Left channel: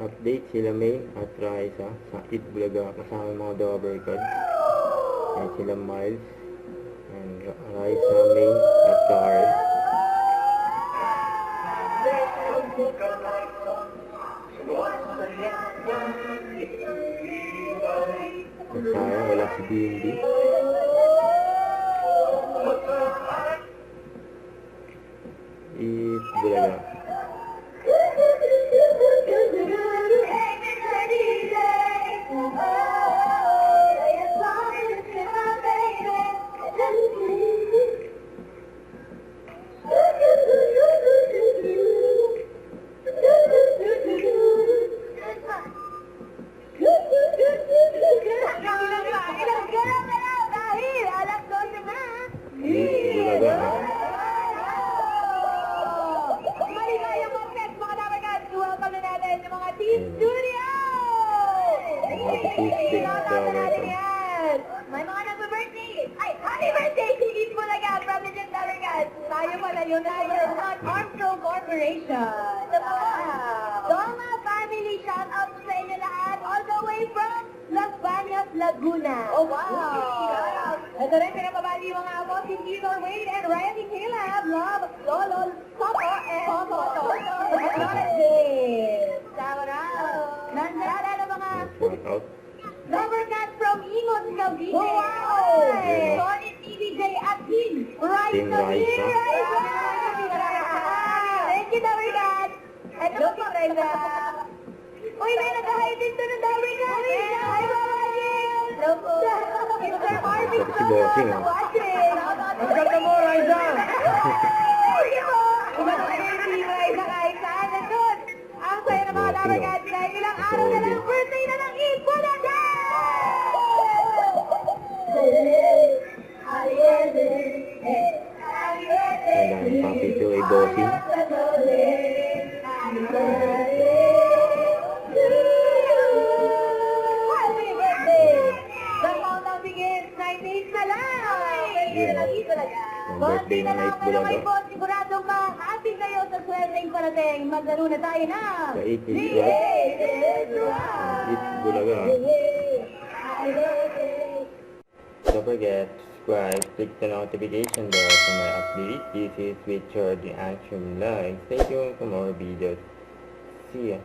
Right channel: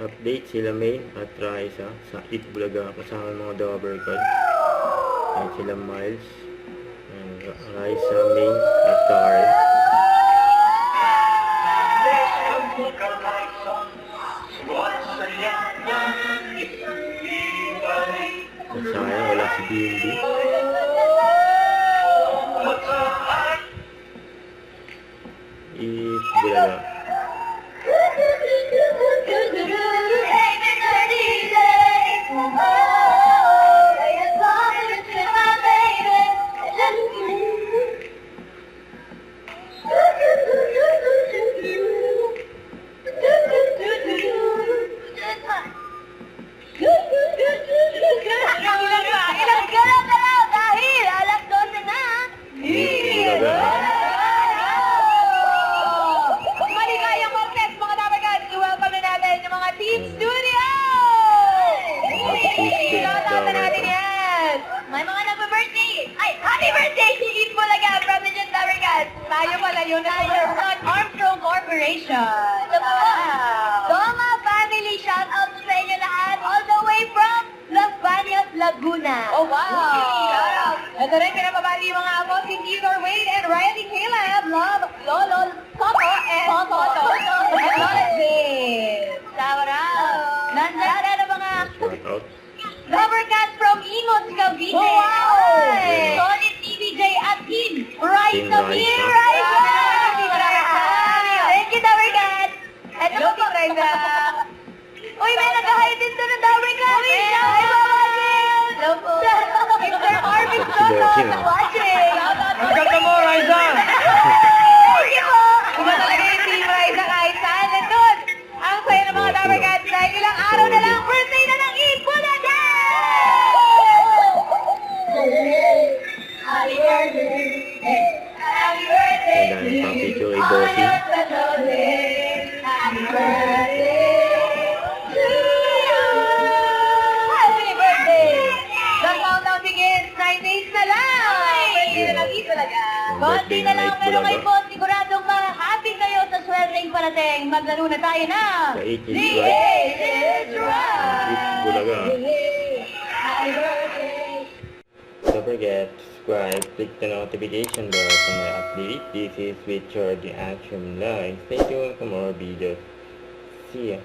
Update sila Main at Raisa sa Itbulaga kasama mga Dover Code. At sila Miles. And Raisa, Main at Karen. At sayang wala si BNB. Itbulaga. Team Studio! Dover natin Code. yan! May mga nagbe-birthday! Ay, happy birthday si Itbulaga from the Dover Code! Tayo pala yun na from Armstrong Corporation! Wow! Doma family, shout out sa inyo lahat all the way from Las Bañas, Laguna! Oh, wow! Ito rin pinapabali yung mga apo, si Theodore Wade and Riley Caleb, Love, Lolo, Toto, and Toto, and Lola Jade! Shout out! Nandiyan na mga Shout out. Rubber Cats from Imos, Cavite. Wow! Solid TVJ at Team Rise of Team Year, Rise, Rise! Thank you, Rubber Cats! Ito po, Team Rise. Uy, may nag-hide din to ng Rubber Cats! Uy, shout out! Hello po! Mr. Arvin Si Soto, Bossing, ah. watching! Ang ganda mo, Raisa! Thank you po! Iba talaga yung Team Rise na kahit saan. Nandun! Ang sayo ng mga Rubber Cats dahil ilang araw na lang, birthday na ng Itbulaga! Happy birthday! Happy birthday! Ang dami pang picture kay Bossing. Happy birthday to you! Happy birthday! The countdown begins 9 days na lang! Birthday na lang Itbulaga! Ang Konti birthday na ng lang pero Itbulaga. kayo po, siguradong ma-happy kayo sa swerteng parating. Maglaro na tayo na! Sa It is The Right. It is Right! Itbulaga. Happy birthday! Don't forget to subscribe, click the notification bell for my update. This is Richard the Action Live. Stay tuned for more videos. See ya.